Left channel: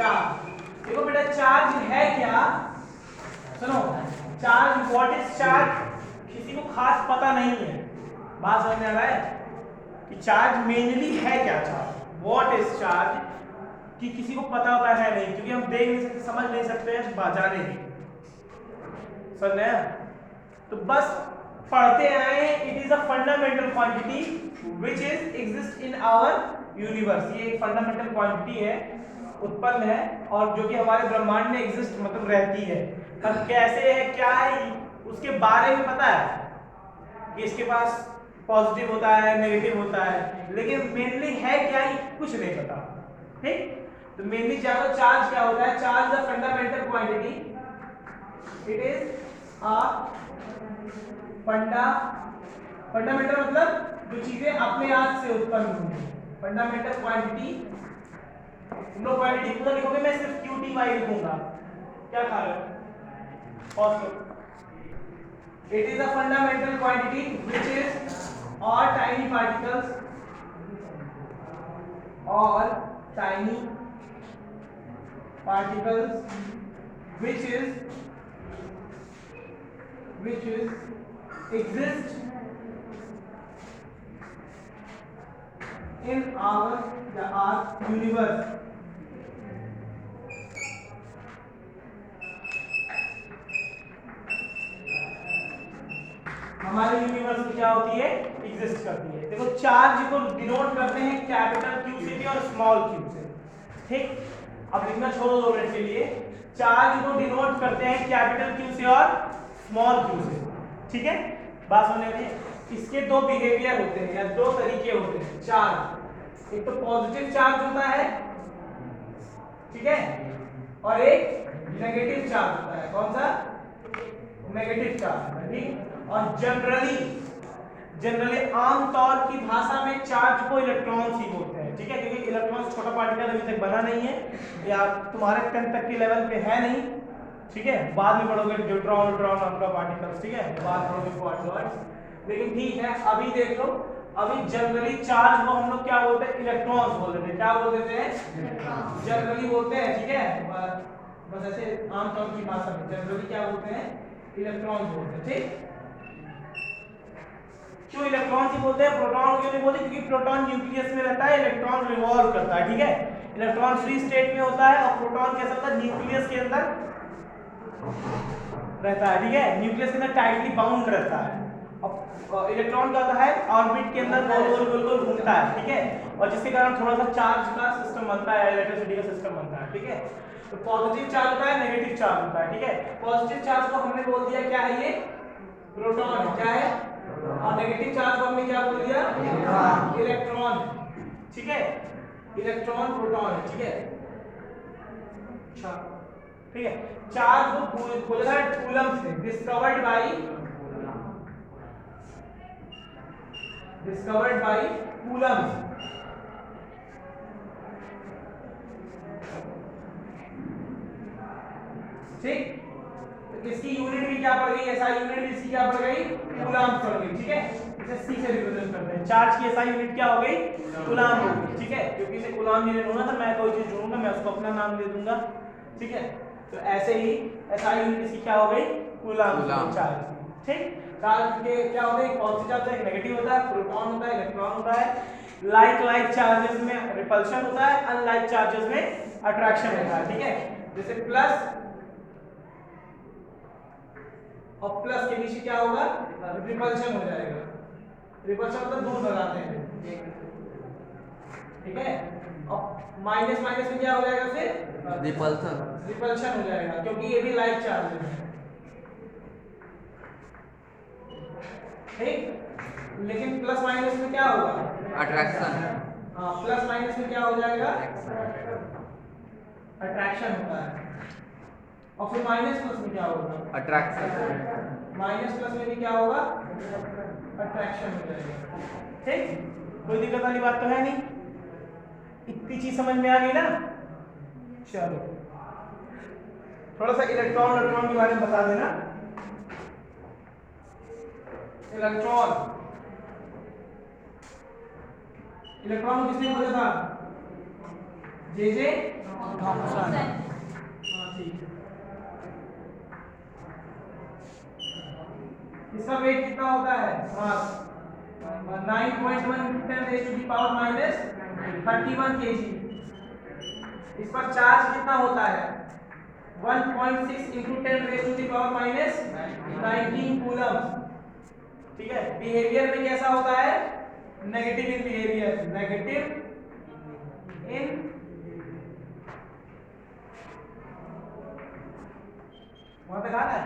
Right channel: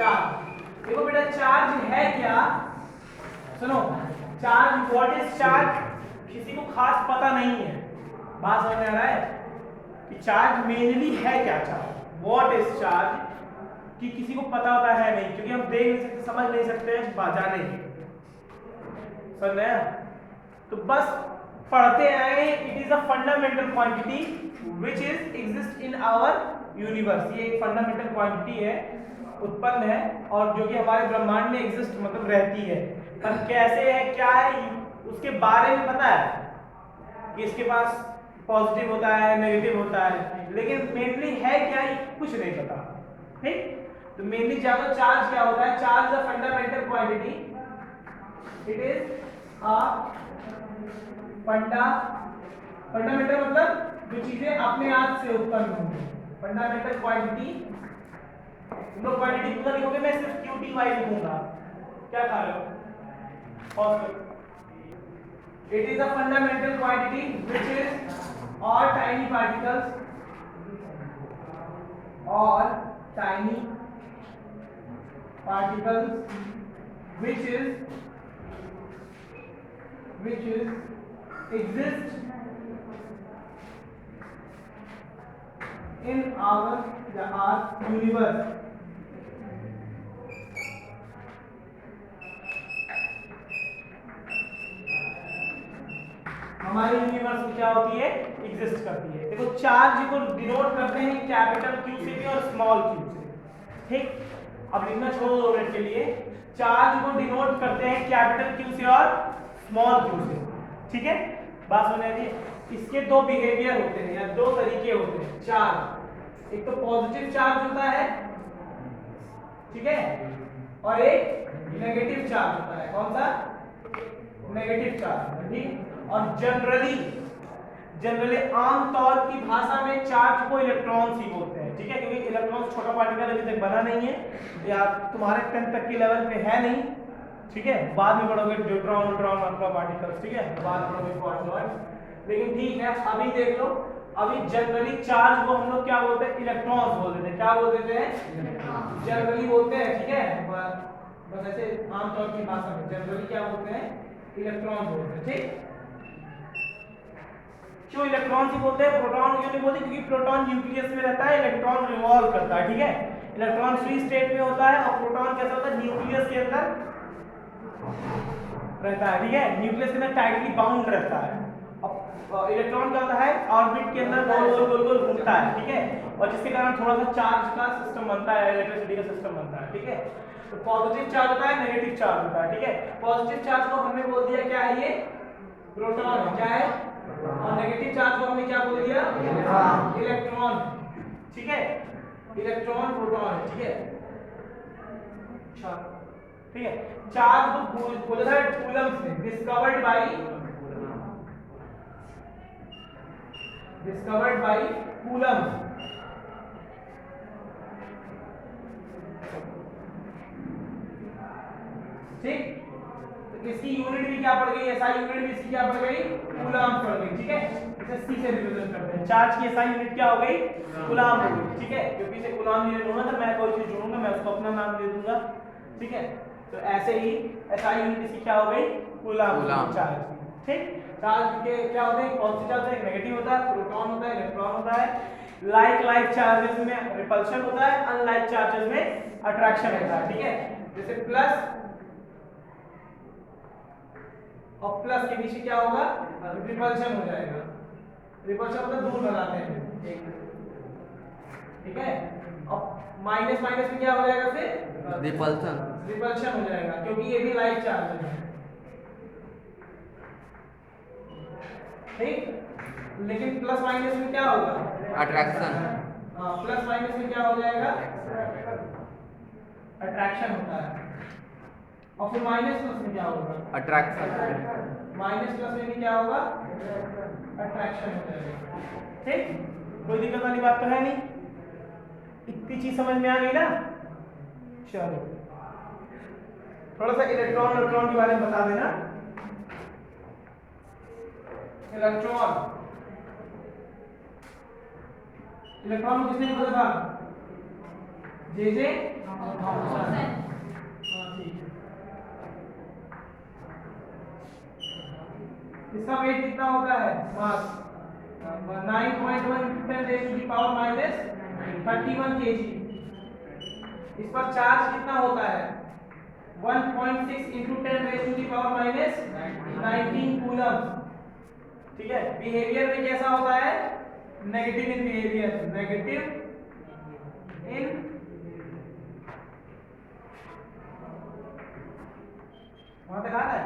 Charge. देखो बेटा charge है क्या, सुनो, चार्ज, व्हाट इज चार्ज, किसी को खास पता नहीं है। बात समझ में आ रहा है कि चार्ज मेनली है क्या, चार्ज व्हाट इज चार्ज, कि किसी को पता होता है नहीं, क्योंकि हम देख नहीं सकते, समझ नहीं सकते, जानेंगे, समझ में आया? तो बस पढ़ते आए, it is a fundamental quantity which is exist in our universe. ये एक फंडामेंटल क्वांटिटी है, उत्पन्न है, और जो कि हमारे ब्रह्मांड में एग्जिस्ट मतलब रहती है। पर कैसे है, क्या है, उसके बारे में पता है कि इसके पास पॉजिटिव होता है, नेगेटिव होता है, लेकिन मेनली है क्या ये कुछ नहीं पता। ठीक, तो मेनली जानो चार्ज क्या होता है। Charge the fundamental quantity, it is a fundamental मतलब जो चीजें अपने आप से उत्पन्न होंगी। फंडामेंटल क्वांटिटी, तुम लोग क्वांटिटी पूरा लिखोगे, मैं सिर्फ QTY लिखूंगा। क्या खा रहे हो? और it is a fundamental quantity which is all tiny particles which is exist in our universe। हमारे यूनिवर्स में क्या होती है, एग्जिस्ट करती है। देखो चार्ज को डिनोट करते हैं कैपिटल Q से भी और स्मॉल q से। ठीक, अब लिखना छोड़ो 2 मिनट के लिए। चार्ज को डिनोट करते हैं कैपिटल Q से और स्मॉल q से। ठीक है, बात समझ रही है? इसके 2 बिहेवियर होते हैं या 2 तरीके होते हैं चार्ज। एक तो पॉजिटिव चार्ज होता है, ठीक है, और एक नेगेटिव चार्ज होता है। कौन सा? Negative charge. ठीक, और जनरली आमतौर की भाषा में चार्ज को इलेक्ट्रॉन्स ही बोलते हैं। ठीक है, क्योंकि इलेक्ट्रॉन्स छोटा पार्टिकल अभी तक बना नहीं है, या तुम्हारे 10 तक के लेवल पे है नहीं। ठीक है, बाद में पढ़ोगे न्यूट्रॉन आपका पार्टिकल्स, ठीक है, बाद में पढ़ोगे क्वार्टर्स। लेकिन ठीक है, अभी देख लो, अभी जनरली चार्ज को हम लोग क्या बोलते हैं, इलेक्ट्रॉन्स बोल देते हैं। क्या बोल देते हैं? जनरली बोलते हैं। ठीक है, बस ऐसे आमतौर की भाषा में जनरली क्या बोलते हैं, इलेक्ट्रॉन बोलते हैं। ठीक, क्यों इलेक्ट्रॉन से बोलते हैं, प्रोटॉन क्यों नहीं बोलते? क्योंकि प्रोटॉन न्यूक्लियस में रहता है, इलेक्ट्रॉन रिवॉल्व करता है। ठीक है, इलेक्ट्रॉन फ्री स्टेट में होता है और प्रोटॉन कैसा होता है, न्यूक्लियस के अंदर रहता है। ठीक है, न्यूक्लियस के अंदर टाइटली बाउंड रहता है। अब इलेक्ट्रॉन का होता है ऑर्बिट के अंदर गोल गोल घूमता है। ठीक है, और जिसके कारण थोड़ा सा चार्ज का सिस्टम बनता है, इलेक्ट्रिसिटी का सिस्टम बनता है। ठीक है, तो पॉजिटिव चार्ज होता है, नेगेटिव चार्ज होता है। ठीक है, पॉजिटिव चार्ज को हमने बोल दिया क्या है, ये प्रोटॉन। क्या है? और नेगेटिव चार्ज को हमने क्या बोल दिया, इलेक्ट्रॉन। ठीक है, इलेक्ट्रॉन प्रोटॉन। ठीक है, अच्छा, ठीक है, चार्ज को बोला था कूलम से, डिस्कवर्ड बाय कूलम। ठीक, तो इसकी यूनिट भी क्या पड़ गई, एसआई यूनिट भी इसकी क्या पड़ गई, कूलम पड़ गई। ठीक है, इसे सी से रिप्रेजेंट करते हैं। चार्ज की एसआई यूनिट क्या हो गई, कूलम हो गई। ठीक है, क्योंकि इसे कूलम नहीं लेना था, मैं कोई चीज जोड़ूंगा, मैं उसको अपना नाम दे दूंगा। ठीक है, तो ऐसे ही एसआई यूनिट इसकी क्या हो गई, कूलम चार्ज की। ठीक, चार्ज के क्या होते हैं, पॉजिटिव चार्ज है, नेगेटिव होता है, प्रोटॉन होता है, इलेक्ट्रॉन होता है। लाइक चार्जेस में रिपल्शन होता है, अनलाइक चार्जेस में अट्रैक्शन होता है। ठीक है, जैसे प्लस और प्लस के बीच क्या होगा, रिपल्शन हो जाएगा। रिपल्शन मतलब दूर लगाते हैं। ठीक है, और माइनस में क्या हो जाएगा, फिर रिपल्शन हो जाएगा, क्योंकि ये भी लाइक चार्ज है। ठीक, लेकिन प्लस माइनस में क्या होगा, अट्रैक्शन। हाँ, प्लस माइनस में क्या हो जाएगा, अट्रैक्शन होता है। और फिर माइनस प्लस में क्या होगा, अट्रैक्शन। माइनस प्लस में भी क्या होगा, अट्रैक्शन हो जाएगा। ठीक, कोई दिक्कत वाली बात तो है नहीं, इतनी चीज समझ में आ गई ना। चलो थोड़ा सा इलेक्ट्रॉन के बारे में बता देना। इलेक्ट्रॉन किसने खोजा था, जे थॉमसन। हाँ ठीक है। इसका वेट कितना होता है? मास 9.1 × 10⁻⁻31 kg। इस पर चार्ज कितना होता है? 1.6 × 10⁻⁻19 कूलम। ठीक है। बिहेवियर में कैसा होता है? नेगेटिव इन बिहेवियर, नेगेटिव इन वहां पे था ना,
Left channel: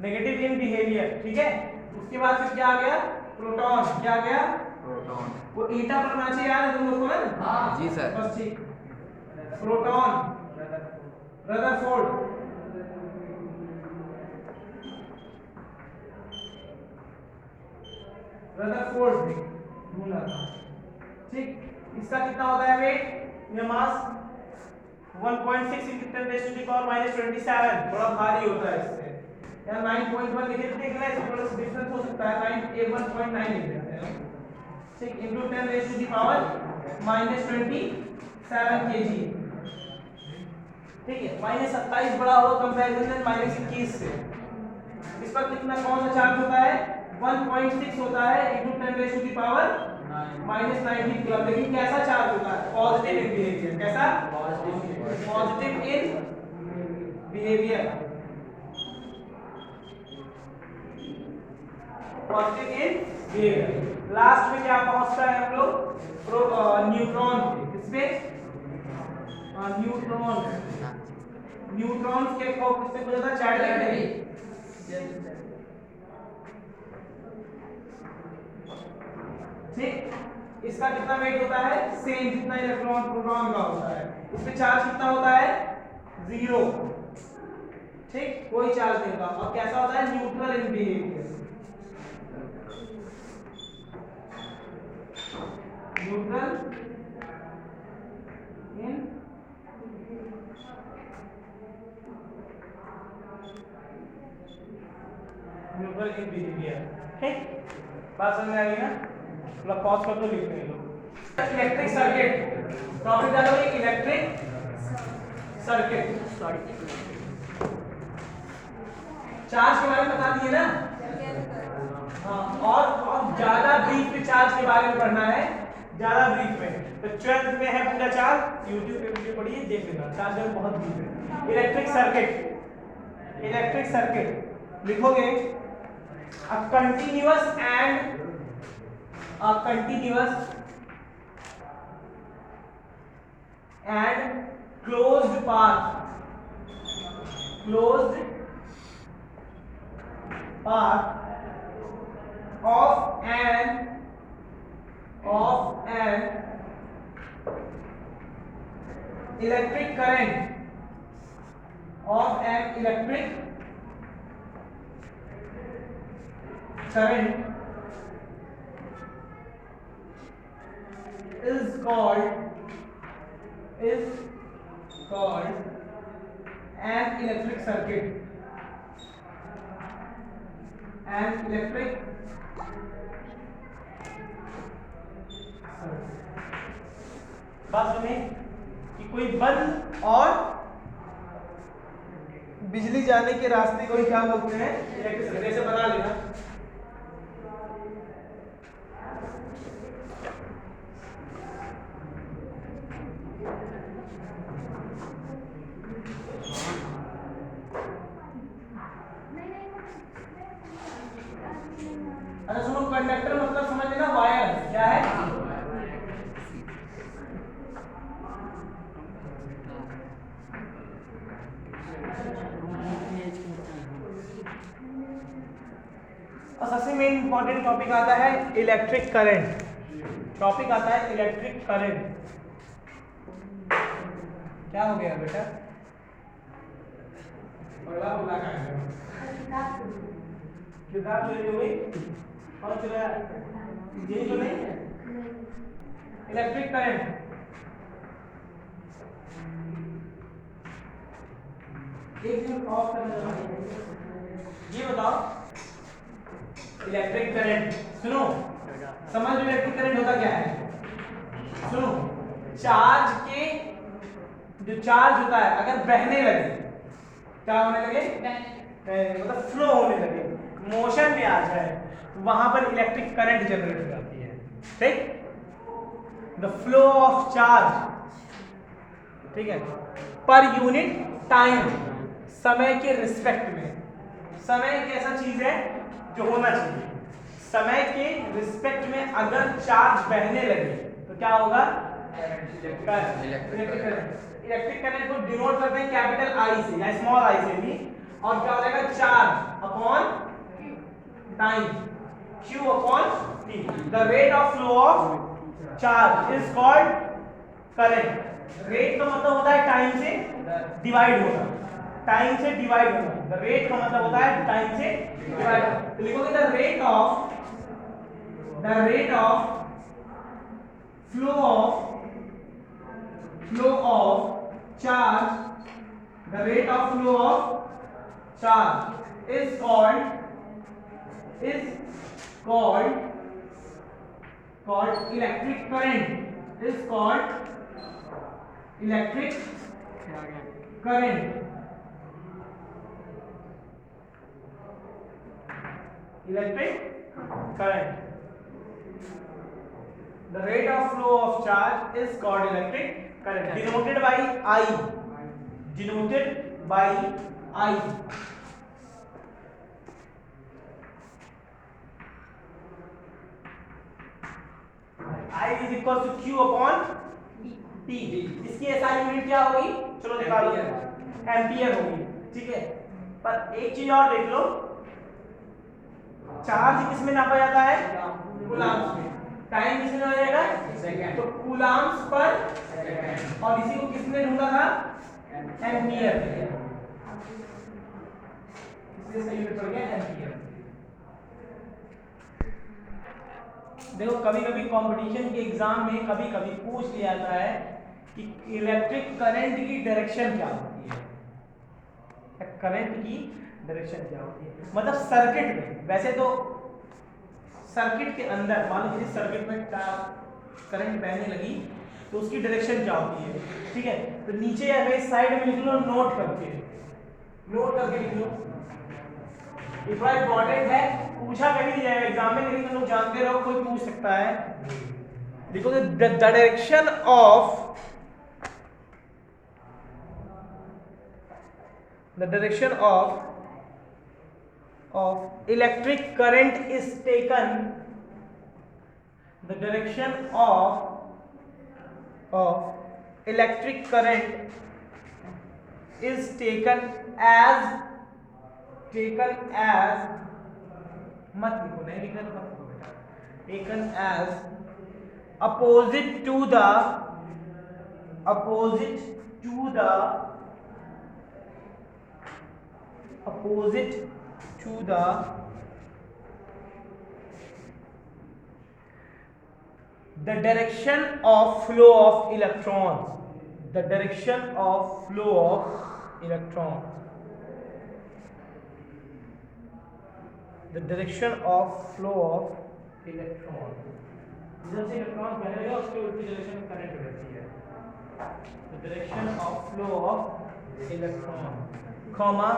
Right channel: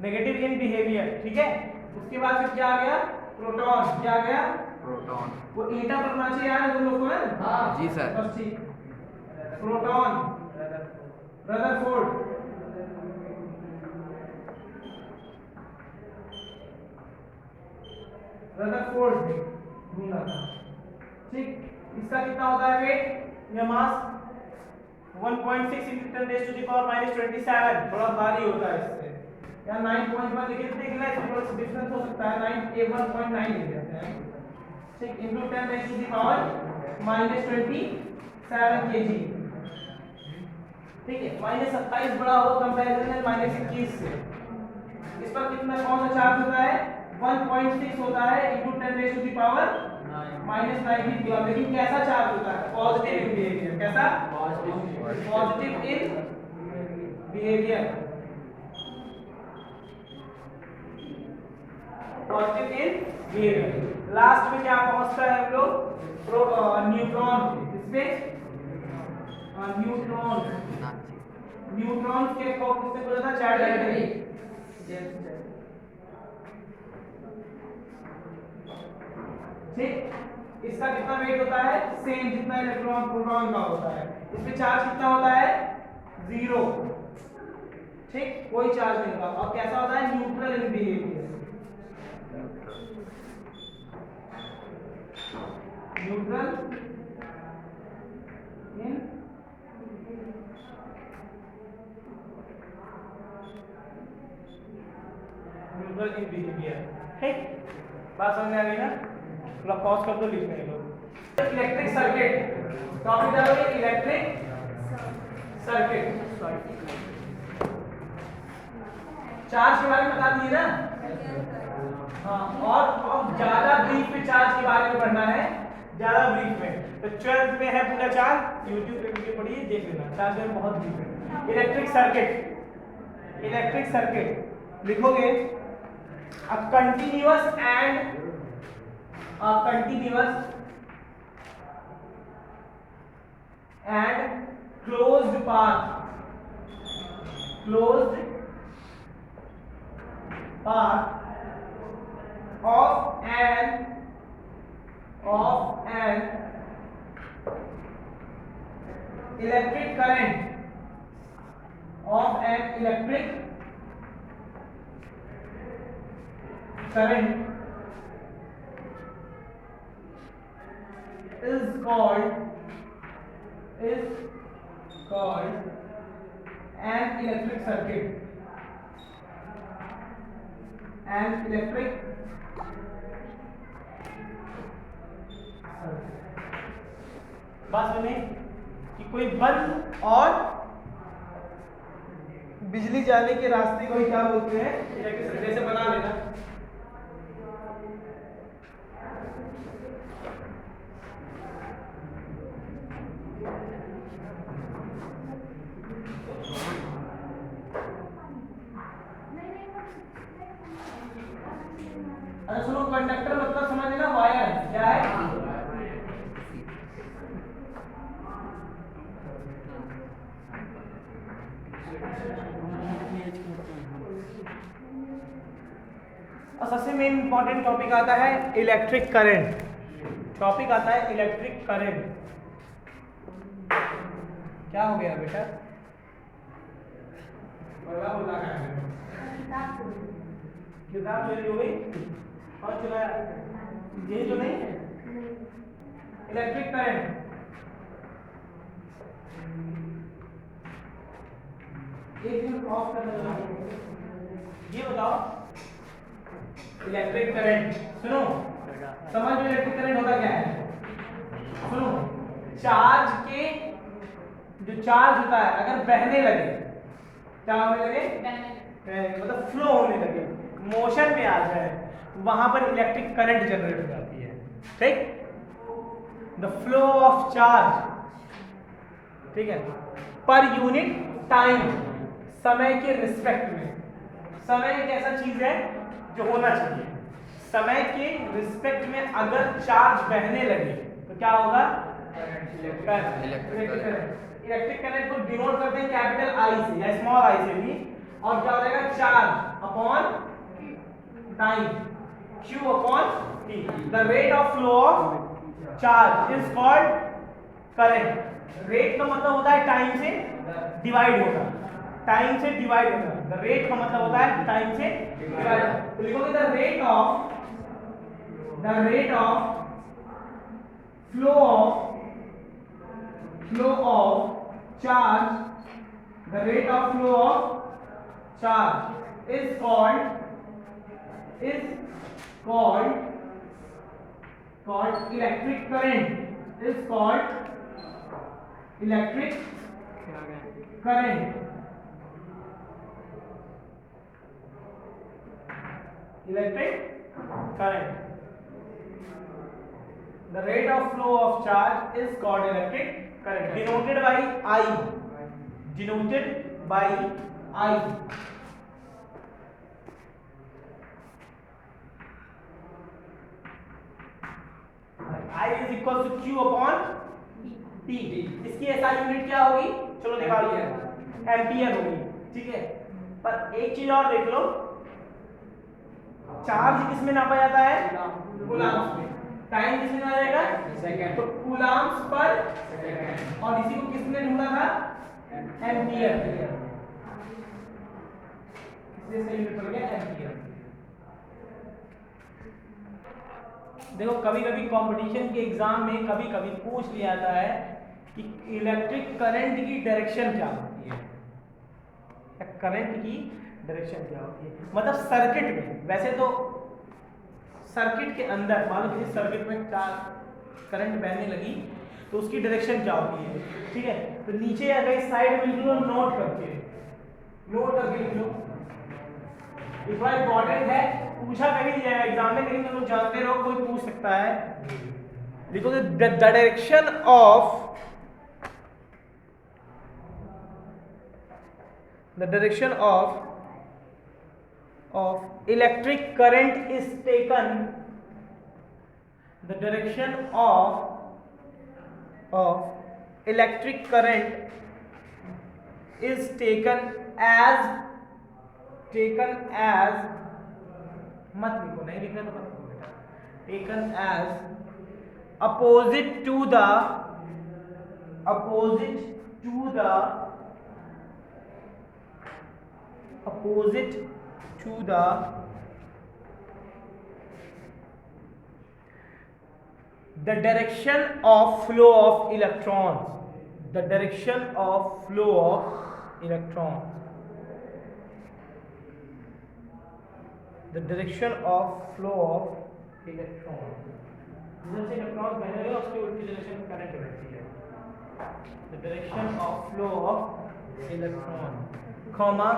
नेगेटिव इन बिहेवियर। ठीक है। उसके बाद फिर क्या आ गया? प्रोटॉन। क्या आ गया? प्रोटॉन। वो ईटा पढ़ना चाहिए यार तुम लोग को ना। जी सर। बस ठीक। प्रोटॉन, रदरफोर्ड, रदरफोर्ड ढूंढना था। ठीक। इसका कितना होता है वेट या मास? 1.6 × 10⁻⁻27। थोड़ा भारी होता है इससे। या 9.1 लिख देते हैं, इसमें थोड़ा सा डिफरेंस हो सकता है। 1.9 लिख देते हैं। ठीक। × 10⁻⁻27 kg। ठीक है। -27 बड़ा हो कंपैरिजन में -21 से। इस पर कितना, कौन सा चार्ज होता है? 1.6 होता है × 10⁻⁻19 कूलम। लेकिन कैसा चार्ज होता है? Positive in behaviour. कैसा? Positive in behaviour, positive in behaviour. Last में क्या पहुंचता है हम लोग? न्यूट्रॉन। इसमें न्यूट्रॉन के को किससे बोला था? चार्ज। ठीक। इसका कितना वेट होता है? सेम जितना इलेक्ट्रॉन प्रोटॉन का होता है। इसमें चार्ज कितना होता है? 0। ठीक। कोई चार्ज नहीं होगा। और कैसा होता है? Neutral in behaviour, neutral in behaviour. ठीक। बात समझ में आ गई ना? थोड़ा पॉज कर दो, लिखने दो। इलेक्ट्रिक सर्किट टॉपिक डालोगे। इलेक्ट्रिक सर्किट, चार्ज के बारे में बता दिए ना। हाँ, और ज्यादा ब्रीफ में चार्ज के बारे में पढ़ना है, ज्यादा ब्रीफ में। तो 12th में है पूरा चार्ज, यूट्यूब पे वीडियो पढ़िए, देख लेना। चार्ज में बहुत ब्रीफ है। इलेक्ट्रिक सर्किट, इलेक्ट्रिक सर्किट लिखोगे a continuous and closed path of an electric current is called an electric circuit. बात सुनिए कि कोई बल्ब और बिजली जाने के रास्ते को ही क्या बोलते हैं? Electric circuit. ऐसे बना लेना। अच्छा सुनो, कंडक्टर मतलब समझ लेना वायर है। क्या है? सबसे मेन इंपॉर्टेंट टॉपिक आता है इलेक्ट्रिक करंट। टॉपिक आता है इलेक्ट्रिक करंट। क्या हो गया बेटा? किताब चोरी हो गई? और चलाया? यही तो नहीं है इलेक्ट्रिक करंट। एक मिनट ऑफ करना जरा। ये बताओ इलेक्ट्रिक करंट, सुनो समझ लो इलेक्ट्रिक करंट होता क्या है। सुनो, चार्ज के जो चार्ज होता है अगर बहने लगे, क्या होने लगे, मतलब फ्लो होने लगे, मोशन में आ जाए, तो वहां पर इलेक्ट्रिक करंट जनरेट हो जाती है। ठीक, द फ्लो ऑफ चार्ज, ठीक है, पर यूनिट टाइम, समय के रिस्पेक्ट में। समय एक ऐसा चीज है जो होना चाहिए, समय के रिस्पेक्ट में अगर चार्ज बहने लगे तो क्या होगा, इलेक्ट्रिक करंट। इलेक्ट्रिक करंट को डिनोट करते हैं कैपिटल आई से या स्मॉल आई से भी, और क्या हो जाएगा, charge upon time, q upon t। The rate of flow of charge is called current. Rate का मतलब होता है टाइम से डिवाइड होना, टाइम से डिवाइड होना। द रेट का मतलब होता है टाइम से डिवाइड होना। तो लिखोगे the rate of flow of charge, the rate of flow of charge is called electric current, is called electric current. Electric current, the rate of flow of charge is called electric current, denoted by I, denoted by I। I is equal to Q upon T। इसकी SI unit क्या होगी, चलो निकालो, ampere होगी। ठीक है, पर एक चीज और देख लो, चार्ज किस में नापा जाता है, कूलाम्स में। टाइम किस में नापा जाएगा, तो कूलाम्स पर, और इसी को किसने ढूंढा था, एम्पियर। किसने सही यूनिट पड़ गया, एम्पियर। देखो कभी कभी कंपटीशन के एग्जाम में कभी कभी पूछ लिया जाता है कि इलेक्ट्रिक करंट की डायरेक्शन क्या होती है, करंट की डायरेक्शन क्या होती है, मतलब सर्किट में। वैसे तो सर्किट के अंदर मान लो किसी सर्किट में करंट बहने लगी तो उसकी डायरेक्शन क्या होती है। ठीक है, तो नीचे या कहीं साइड में लिख लो, नोट करके लिख लो। इतना इंपॉर्टेंट है, पूछा कहीं नहीं जाएगा एग्जाम में, लेकिन तुम लोग जानते रहो कोई पूछ सकता है। लिखो the direction of electric current is taken, the direction of electric current is taken as मत लिखो, नहीं लिखना तो मत लिखो, taken as opposite to the the direction of flow of electrons, the direction of flow of electrons, the direction of flow of electrons। जिधर से electron बह रहे हैं उसके उल्टी डायरेक्शन में करंट बहती है। the direction of flow of electron, comma,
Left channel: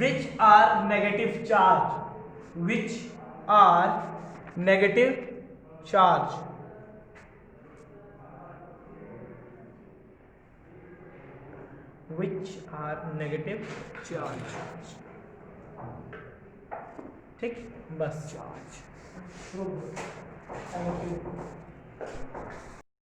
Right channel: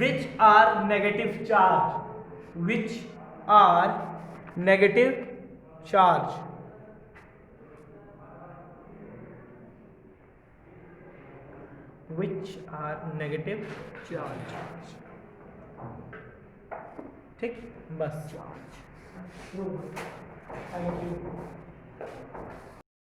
which are negative charge, which are negative charge, which are negative charge। ठीक, बस चार्ज। Thank you.